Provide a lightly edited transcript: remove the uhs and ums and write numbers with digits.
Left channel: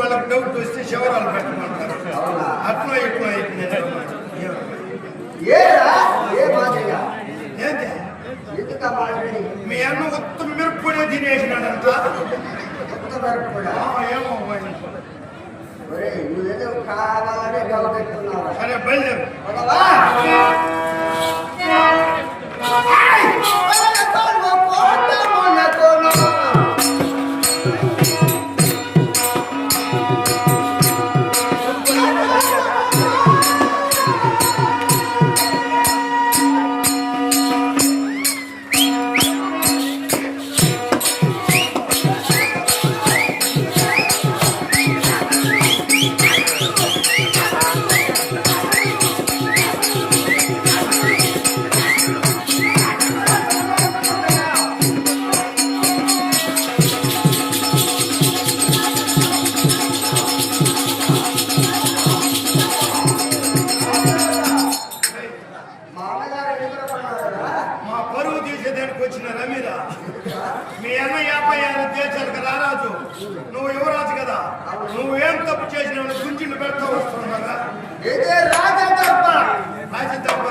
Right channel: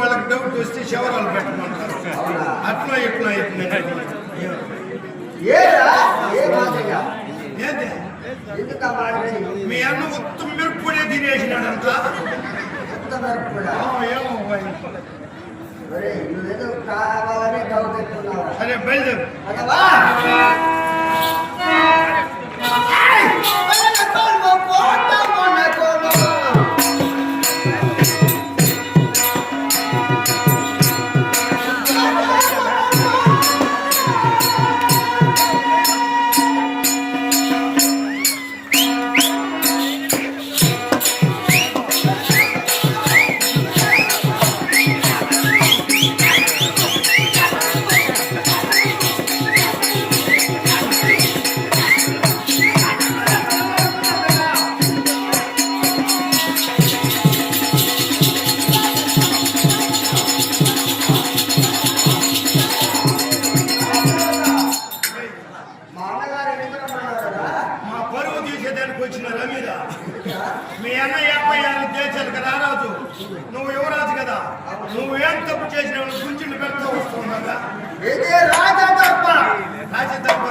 వాళ్ళకి డౌట్ వస్తే శివరాలు పెట్టమంటారు. అట్లా ఇట్లా మీ అన్న మొత్తం మిరప్పుడే తినేసినాడంట. సరే బయలుదేరు. మీ అన్న 56 దేశాలు కదా రాజు, నువ్వు యువరాజు కదా, నువ్వేం తప్పు చేసినావు గుంజిండు పెట్టుకో వస్తున్నావు కదా. రాజ తప్ప